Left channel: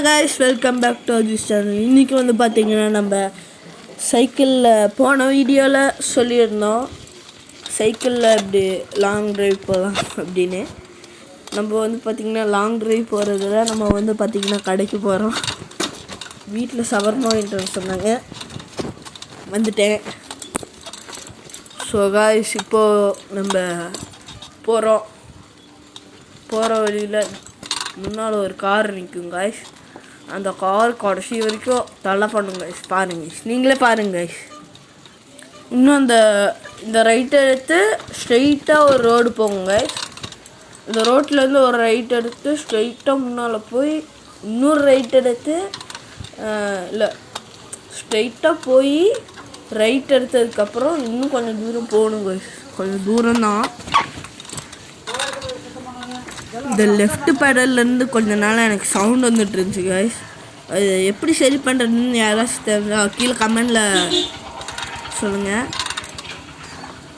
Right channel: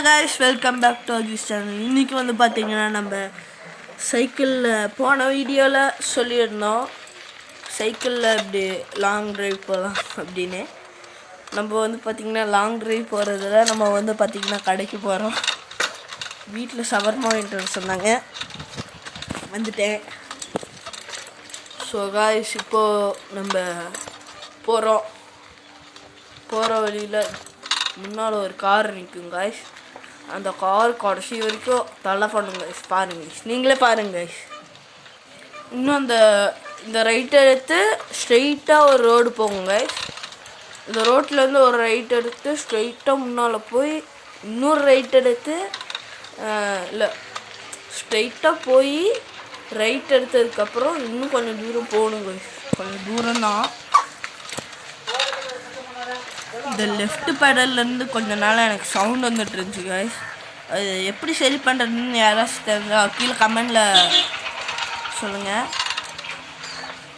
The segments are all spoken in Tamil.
Hello guys, welcome back to Ajis channel. இன்றைக்கி வந்து பார்த்திங்கன்னா நம்ம சைக்கிளில் போன வீடியோவில் சொல்லியிருந்தோம் சைக்கிளில் இப்படி லாங் ட்ரைவ் போகலாம் அப்படின்னு. நம்ம வந்து பார்த்திங்கன்னா லாங் ட்ரைவ் போகிறதுல நம்ம வந்து பார்த்திங்கன்னா கடைக்கு போகிறோம். வீட்டில் ஷவர்மா வாங்கிட்டு சொன்னாங்க, வந்துட்டேன். ஸோ காய்ஸ், இப்போது நம்ம போகிற வழியில் முன்னால் ஒரு கார் நிற்கும் காய்ஸ். அந்த கார் கடைசி வரைக்கும் தலை பண்ணுங்க காய்ஸ். பாருங்க காய்ஸ், நீங்களே பாருங்க காய்ஸ். இன்னும் இந்த ரைட் எடுத்து ஸ்ட்ரெயிட்டாக ஒரு ரோடு போகும் காய்ஸ். இந்த ரோட்லேருந்து ஒரு ரைட் எடுத்து ஸ்ட்ரெயிட்டாக முன்னால் போய் இன்னொரு ரைட் எடுத்து இல்லை ஸ்ட்ரெயிட்டாக போய் ரைட் எடுத்ததுக்கப்புறம் இன்னும் கொஞ்சம் தூரம் போகணும் காய்ஸ். கொஞ்சம் தூரம்தான். இந்த லெஃப்ட் பெடல்லேருந்து கொஞ்ச நாள் எனக்கு சவுண்ட் வந்துட்டு இருந்துச்சு காய்ஸ். அது எப்படி சரி பண்ணுறதுன்னு யாராச்சும் தெரிஞ்சால் கீழே கமெண்டில் சொல்லுங்கள்.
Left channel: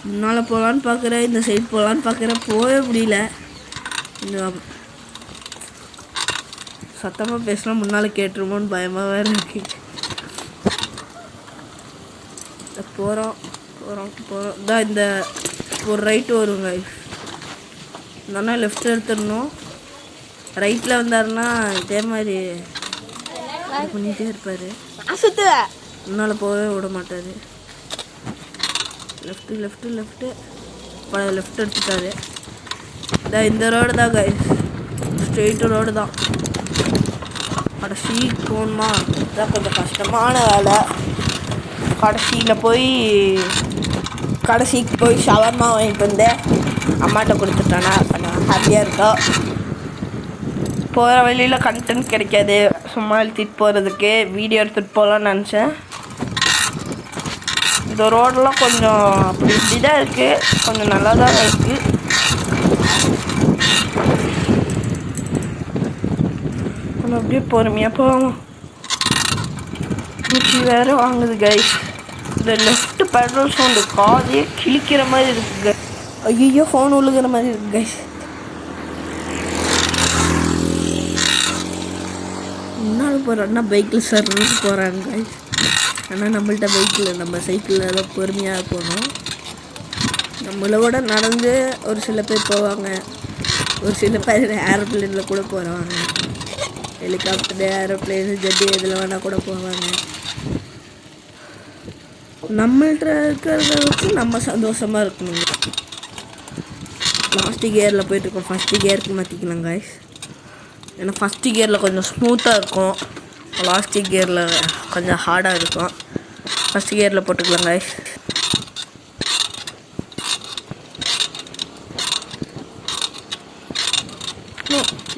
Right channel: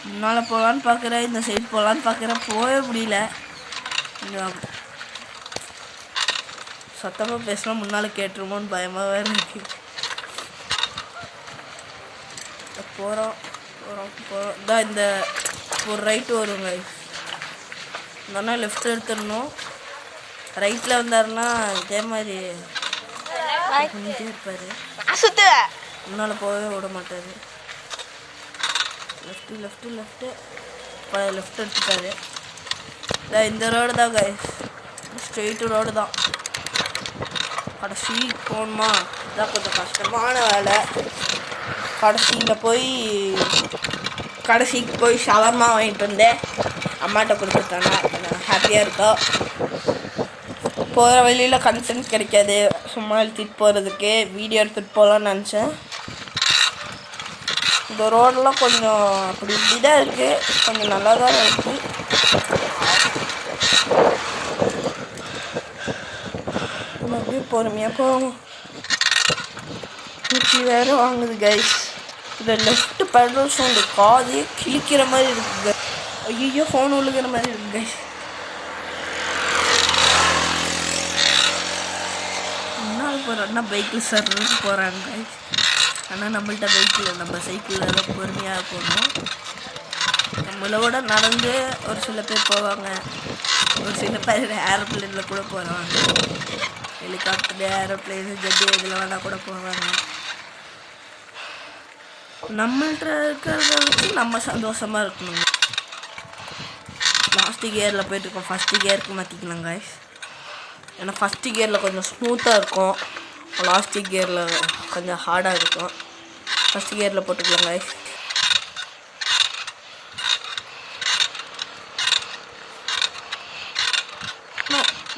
முன்னால் போகலான்னு பார்க்குறேன், இந்த சைடு போகலான்னு பார்க்குறேன், போகவே முடியல. சத்தமாக பேசினா முன்னால் கேட்டுருமோன்னு பயமாக வேறு இருக்கு. போகிறோம் தான். இந்த ஒரு ரைட்டு வருங்க. இந்த அண்ணா லெஃப்ட் எடுத்துடணும். ரைட்டில் வந்தாருன்னா இதே மாதிரி பண்ணிகிட்டே இருப்பார், முன்னால் போகவே விட மாட்டார். லெஃப்ட்டு இப்போ லெஃப்ட் எடுத்துட்டாரு. இந்த ரோடு தான் கைஸ், ஸ்ட்ரெயிட்டு ரோடு தான். கடைசிக்கு போகணுமா, இதுதான் கொஞ்சம் கஷ்டமான வேலை. கடைசிக்கு போய் ஷவர்மா வாங்கிட்டு வந்தேன், அம்மாட்ட கொடுத்துட்டானா. கொஞ்சம் ஹாப்பியாக இருக்கா. போகிற வழியில் கண்டென்ட் கிடைக்காது, சும்மா எழுத்திட்டு போகிறதுக்கு வீடியோ எடுத்துகிட்டு போகலான்னு நினச்சேன். இந்த ரோடெல்லாம் கொஞ்சம் அப்படி இப்படி தான் இருக்குது, கொஞ்சம் நல்லா தான் இருக்குது. நம்ம அப்படியே பொறுமையாக போவோம். மூச்சு வேறு வாங்குது கைஸ். இந்த லெஃப்ட் பெட்ரோல் சவுண்டு காதையே கிழிக்கிற மாதிரி இருக்குது. ஐயோ, ஃபோன் விழுகிற மாதிரி இருக்குது கைஸ். முன்னால் போகிறோன்னா பைக்கில் சர்றது போகிறாங்க கைஸ். ஆனால் நம்மள்ட்ட பைக்கில், நம்ம சைக்கிளில் தான் பொறுமையாக போகணும். நம்மளை விட நடந்து ஒரு சில பேர் போவாங்க, ஒரு சில பேர் ஏரோப்ளேனில் கூட போகிறாங்க. ஹெலிகாப்டரு, ஏரோப்ளேனு, ஜெட்டு இதில் வேணால் கூட போவாங்க. நம்மள்கிட்ட இருக்கிறத வச்சு நம்ம சந்தோஷமாக இருக்கணுங்க. லாஸ்ட்டு கியரில் போய்ட்டுருக்கோம், ஃபஸ்ட்டு கியருக்கு மாற்றிக்கலாம் காய்ஸ். ஏன்னா ஃபஸ்ட்டு கியரில் கொஞ்சம் ஸ்மூத்தாக இருக்கும், லாஸ்ட்டு கியரில் கொஞ்சம் ஹார்டாக இருக்கும். ஃபஸ்ட்டு கியரில் போட்டுக்கலாம் காய்ஸ்.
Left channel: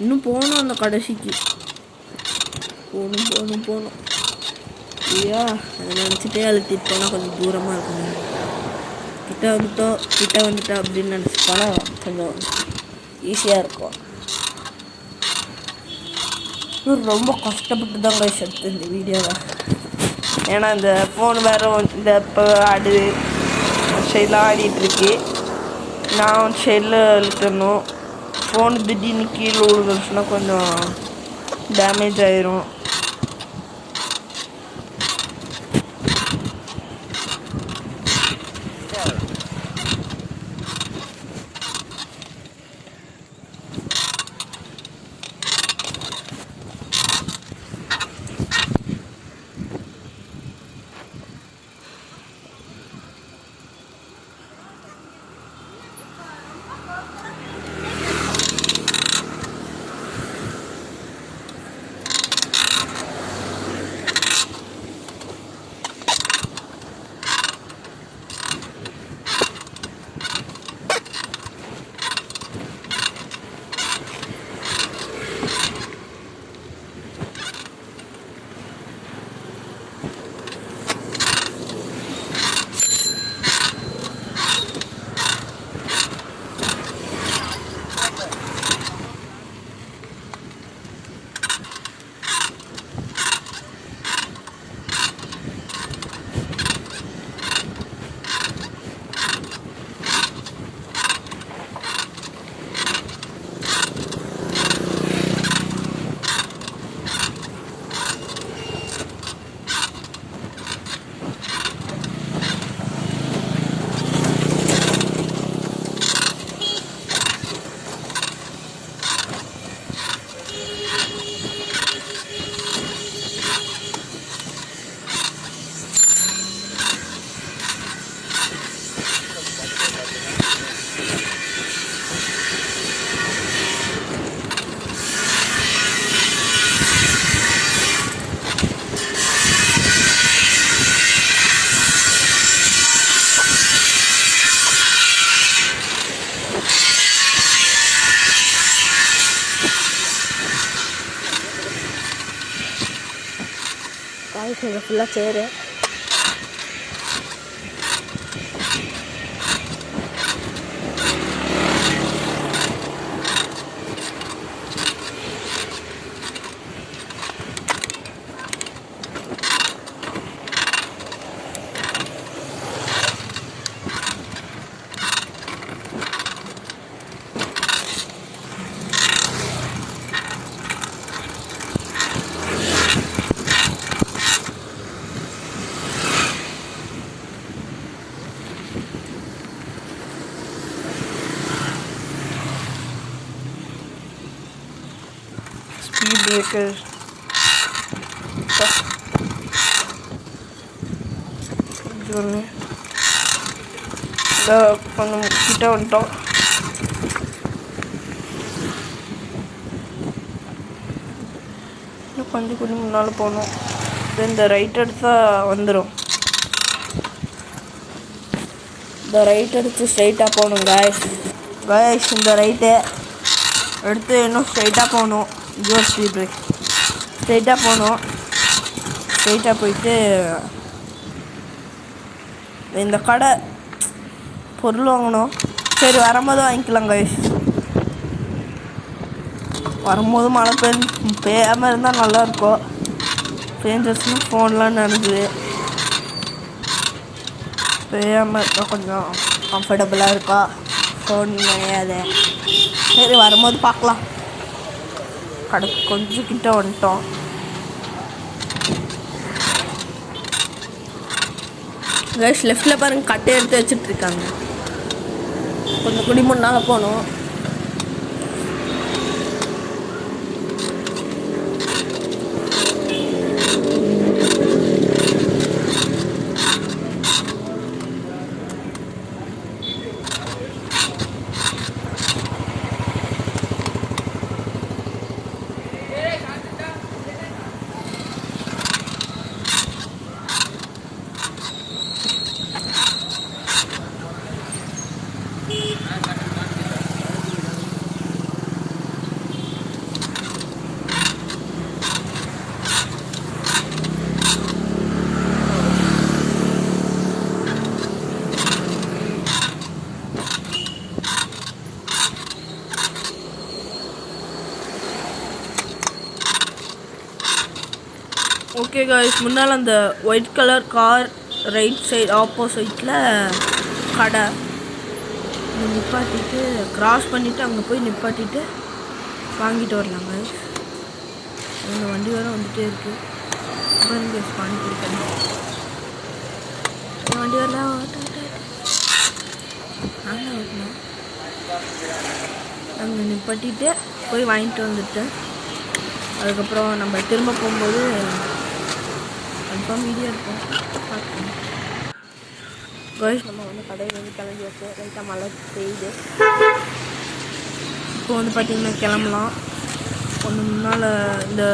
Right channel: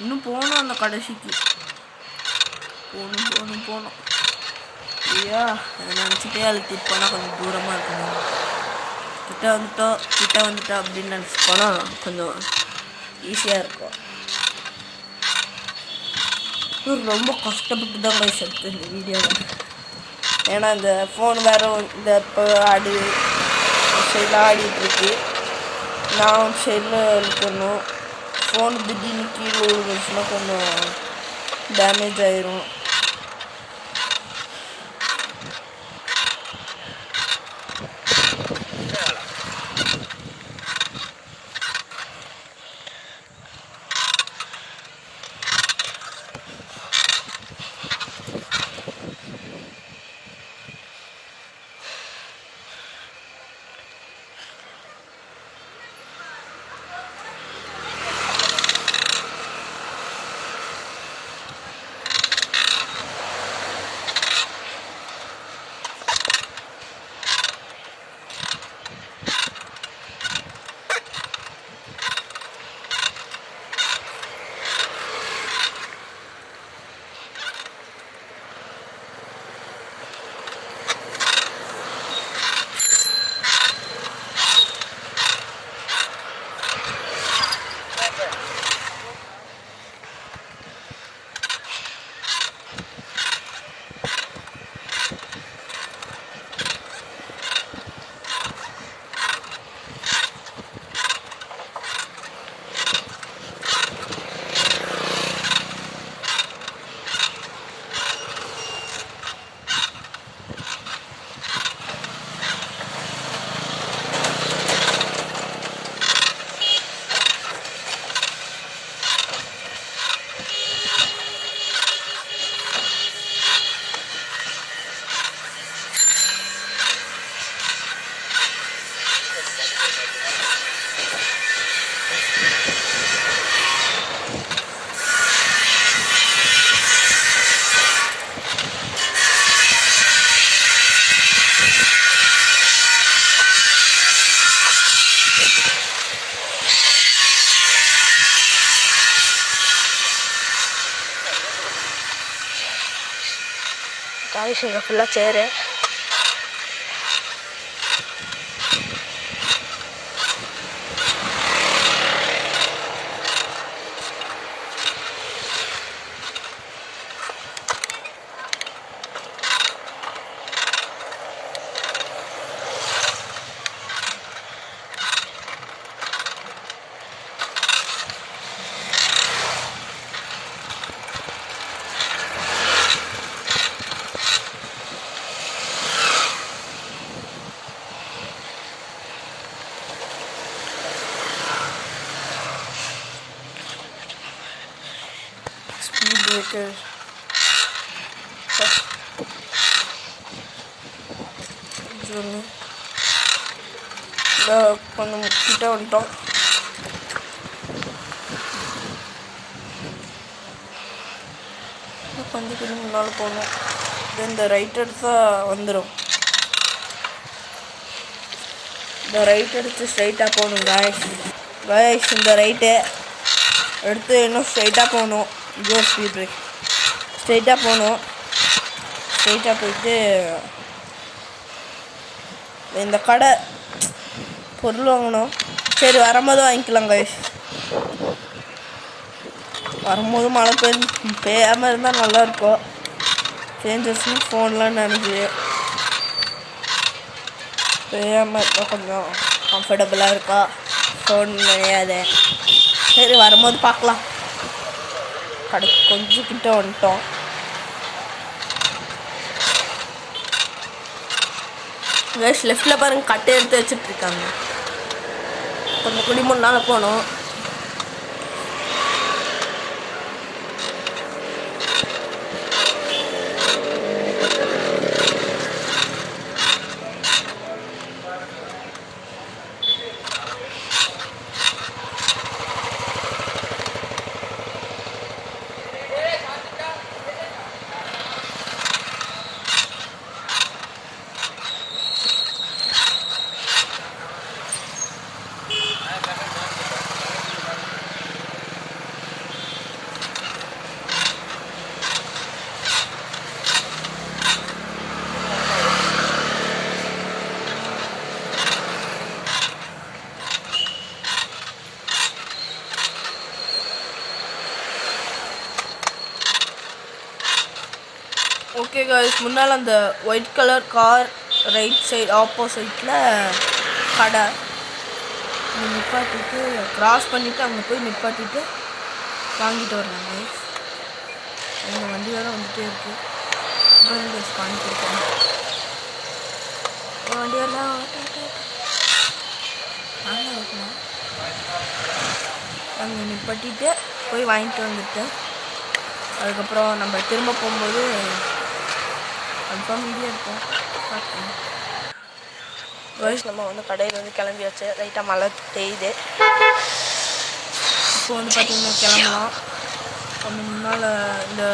இன்னும் போகணும், அந்த கடைசிக்கு போகணும். ஐயா, அதை நினச்சிட்டே அழுத்திட்டு போனால் கொஞ்சம் தூரமாக இருக்கணும். கிட்ட வந்துட்டோம் அப்படின்னு நினச்சி போனால் கொஞ்சம் ஈஸியாக இருக்கும். ரொம்ப கஷ்டப்பட்டு தான் கைஸ் எடுத்து இந்த வீடியோவை. ஏன்னா இந்த ஃபோன் வேறு இந்த இப்போ சைடில் ஆடிட்டுருக்கு. நான் சைடில் இழுக்கணும். ஃபோன் திடீர்னு கீழே விழுந்துச்சுன்னா கொஞ்சம் டேமேஜ் ஆயிரும். காய்ஸ் இங்கே ஃபுல்லாக சேரு. Speed breaker. கொஞ்சம் கிட்ட வந்துட்டோம். கொஞ்சம் கொஞ்சம் முன்னால் போகணும். இந்த ரைட் எடுத்தால் வந்துடும். இந்த ரைட் எடுத்து ஸ்ட்ரைட்டாக போகணும் காய்ஸ். இந்த ரைட்டு எடுத்து இன்னும் ஸ்ட்ரைட்டாக போகணும். Joe speed break. ஸ்ட்ரைட்டாக போகணும். ஸ்ட்ரைட்டாக போயிட்டு இந்த கடை பொருள் வாங்கணும். சரி வரும்போது வாங்கிக்கலாம் காய்ஸ். வரும்போது மழை பெய்யாமல் இருந்தால் நல்லாயிருக்கும். பேஞ்சஸ்னு ஃபோன்லாம் நினைக்குது. பெய்யாமல் இருந்தால் கொஞ்சம் கம்ஃபர்டபுளாக இருக்கும். ஃபோன் நினையாது. சரி வரும்போது பார்க்கலாம். கடைக்கு கொஞ்சம் கிட்ட வந்துட்டோம். கைஸ் லெஃப்டில் பாருங்கள் கட்டை எடுத்து வச்சுட்ருக்காங்க. கொஞ்சம் குடி முன்னால் போகணும். ஓகே காய்ஸ், முன்னால் அந்த white colour car right side ஆப்போசிட்டில் கடை நிப்பாட்டிட்டு க்ராஸ் பண்ணிவிட்டு அங்கே போய் நிப்பாட்டிட்டு வாங்கிட்டு வரலாம் காய்ஸ். எங்கள் வண்டி வேறு வந்துகிட்டே இருக்குது. கைஸ் வாங்கிட்டு என் வண்டி வரலாம் நாங்கள் ஓட்டலாம். அங்கே நிப்பாட்டிட்டு போய் வாங்கிட்டு வந்துட்டேன். அதுக்கப்புறம் நம்ம திரும்ப போகும்போது கன்ஃபார்ம் வீடியோ இருக்கும் பார்த்துக்கணும். கேர்ள்ஸ் நம்ம வந்து கடையில் வந்து கிளம்பியாச்சு. லைட்டாக மழை பெய்யுது. இப்போ வந்து பார்த்திங்கன்னா கிளம்பலாம். கொஞ்சம் முன்னால் இந்த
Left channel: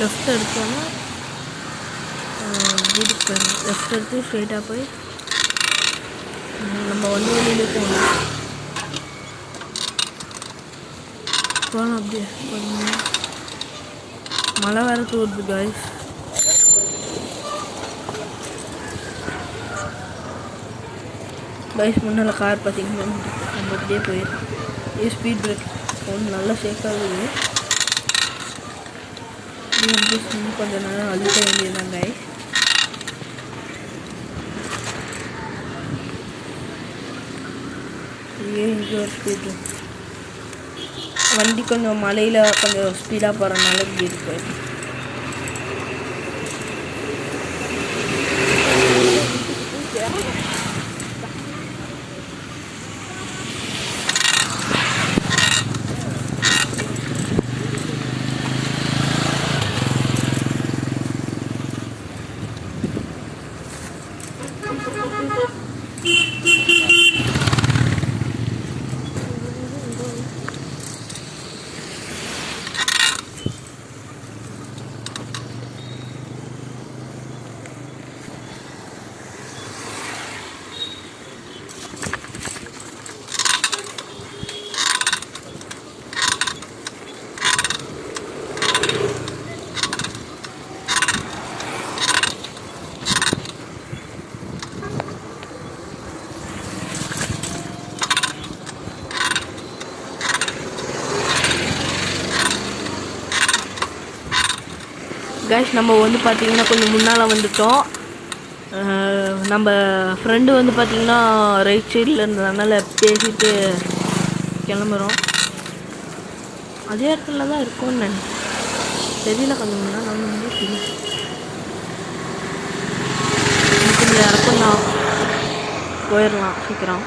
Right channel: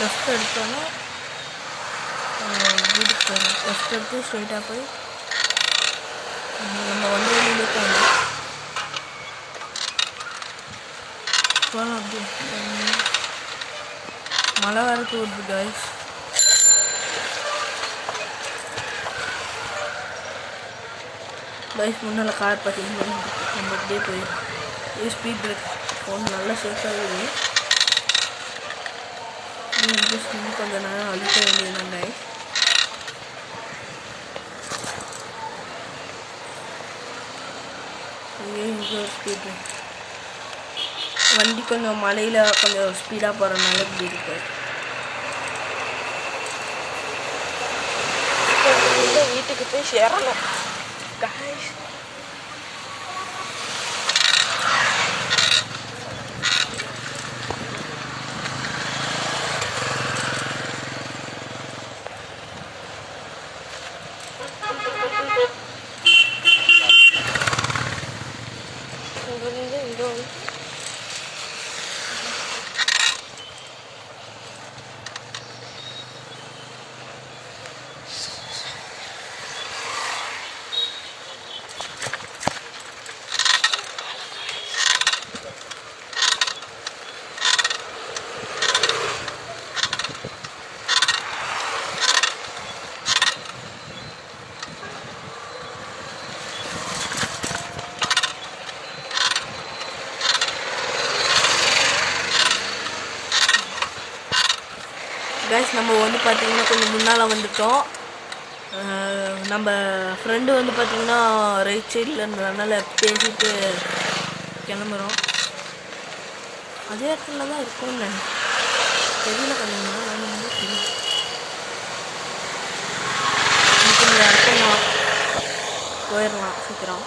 லெஃப்ட் எடுத்தோன்னா வீட்டுக்கு போயிடணும். லெஃப்ட் எடுத்து ஸ்ட்ரெயிட்டாக போய் நம்ம வந்து வெளியிலே போகணும். போகலாம். அப்படியே மழை வேறு தூருது காய்ஸ். முன்னால் கார் பார்த்திங்கன்னா நம்ம அப்படியே போயிடும். ஸ்பீட் பிரேக் ஃபோன் நல்லா சேஃபாகுது. கொஞ்சம் நேரம் அழுத்த வேண்டியதுதான் காய்ஸ். இங்கே ஒரு ஸ்பீட் பிரேக். வண்டி கொஞ்சம் மழையில் கொஞ்சம் ஸ்பீடாக போகிறதுனால இப்படி இருக்கு. வீட்டுக்கு போய் சேரணும். கைஸ் நம்ம வந்து பார்த்திங்கன்னா கொஞ்சம் முன்னால் வந்துட்டோம். நம்ம ஃப்ரெண்டு வந்து பார்த்திங்கன்னா ரைட் சைடில் இருந்ததுனால பேசிட்டு கிளம்புறோம். அதே இடத்துல தான் இருக்கோன்னு தெரியல. கொஞ்சம் முன்னால் வந்து கொஞ்சம் இறக்கம் தான், போயிடலாம் சீக்கிரம்.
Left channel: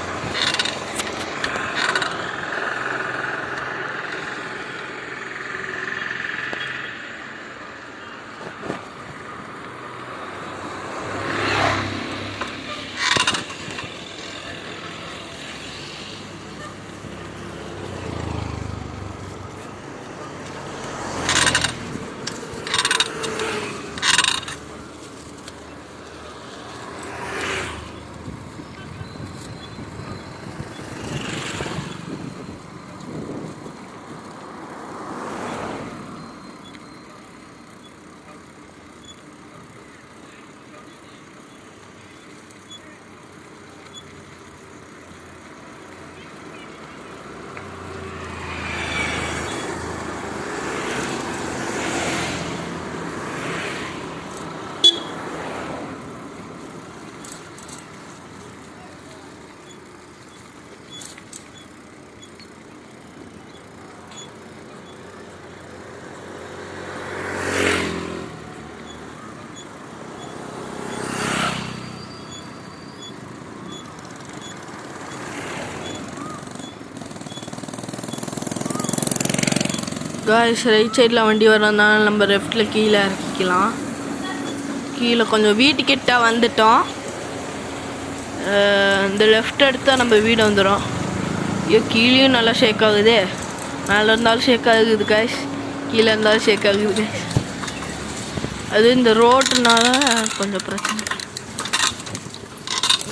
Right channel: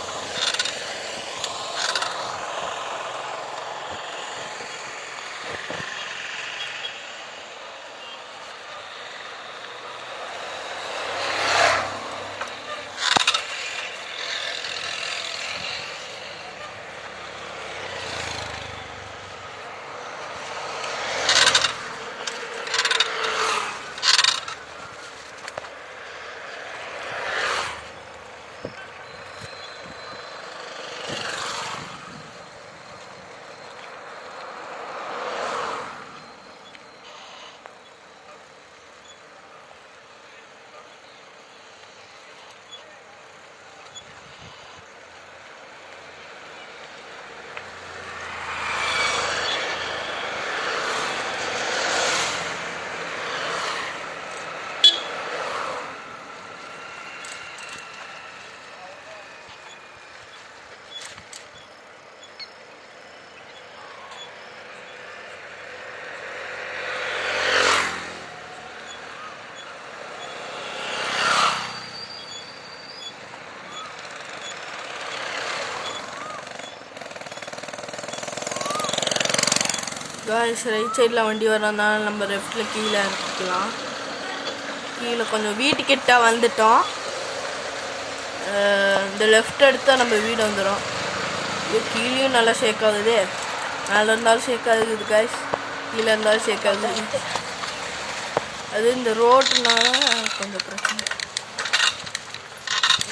காய்ஸ் ரைட் சைடில் வண்டி வரதுனால நம்ம லெஃப்டில் கீழே இறக்கிக்கலாம். கீழே கொஞ்சம் வீட்டுக்கிட்ட வந்துட்டோம். இந்த லெஃப்ட் எடுத்தால் நம்ம வீடு வந்துடும். கீழேயும் நல்லா ஷேக் ஆகுது. மேலே இருந்தாலும் ஷேக் ஆகுது காய்ஸ், கீழே இருந்தாலும் ஷேக் ஆகுது. அது இந்த ரோட்டுனால கொஞ்சம் பிரச்சனை.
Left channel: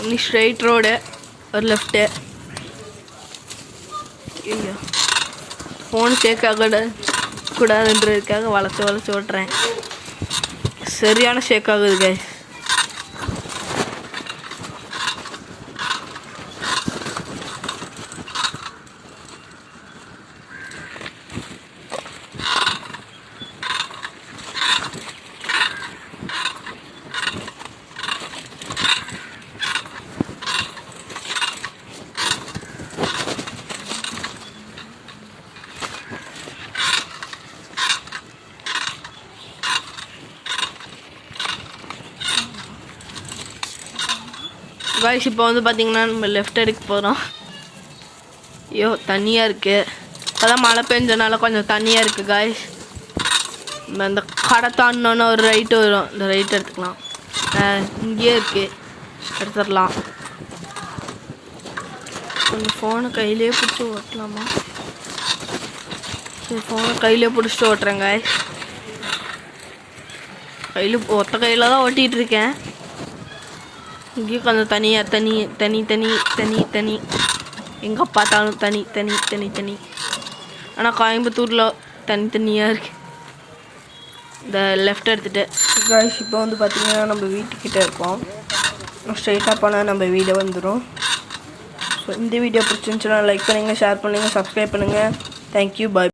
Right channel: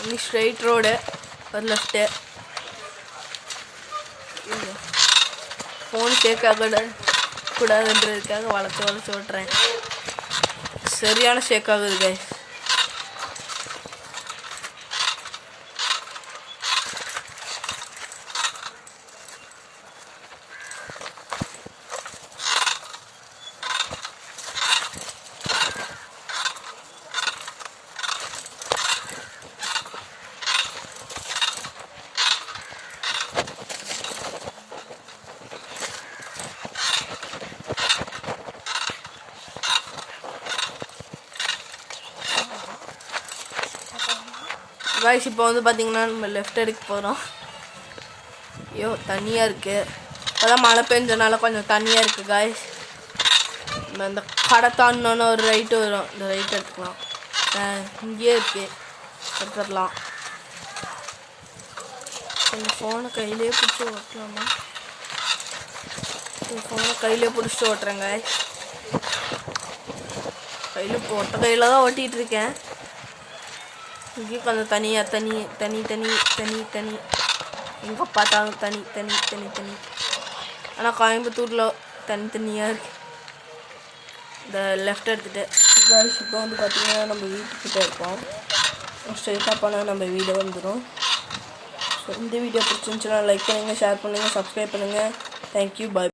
இன்னி ஸ்ட்ரெயிட் ரோடு, ஒரு லெஃப்ட்டு. ஐயோ, ஃபோன் ஷேக் ஆகக்கூடாதுன்றதுக்காக வளைச்சி ஓட்டுறேன். சரியான ஷேக் ஆகுது கைஸ். காய்ஸ் இப்போ வந்து பார்த்திங்கன்னா நம்ம லெஃப்ட் எடுக்க போகிறோம். ஐயோ தண்ணியாக இருக்குது. இப்போ தான் மழை பெஞ்சனால கொஞ்சம் தண்ணியாக இருக்குது காய்ஸ். நம்ம இந்த கடை தாண்டினோன்னு ஒரு ரைட்டு வரும், இந்த ரைட் எடுத்துக்கலாம். இங்கேயே இருக்குது, எடுத்துடலாம். கொஞ்சம் ஃபோனை கையிலே பிடிச்சி ஓட்டலாமா? சரி, ஃபோனை கையிலே பிடிச்சிட்டு ஓட்டுறேன் காய்ஸ். ஒத்த கையில் தான் ஓட்டிகிட்ருக்கேன். இங்கேயும் கொஞ்சம் தனியாக தனி எங்கே பார்த்தாலும் தனி. ஆனால் கோயம்புத்தூரில் தனியாக இருக்குது. இந்த லெஃப்ட் எடுத்துகிட்டு காய்ஸ் இப்போ வந்து பார்த்திங்கன்னா நம்ம வீட்டுக்கிட்ட இருப்போம். ஸ்ட்ரைட்டாக போனால் நம்ம வீடு வந்துடும். ஸோ இந்த வீடியோ பிடிச்சிருந்துச்சுன்னா லைக் பண்ணுங்கள், ஷேர் பண்ணுங்கள், சப்ஸ்கிரைப் பண்ணுங்கள். தேங்க்யூ, பாய்.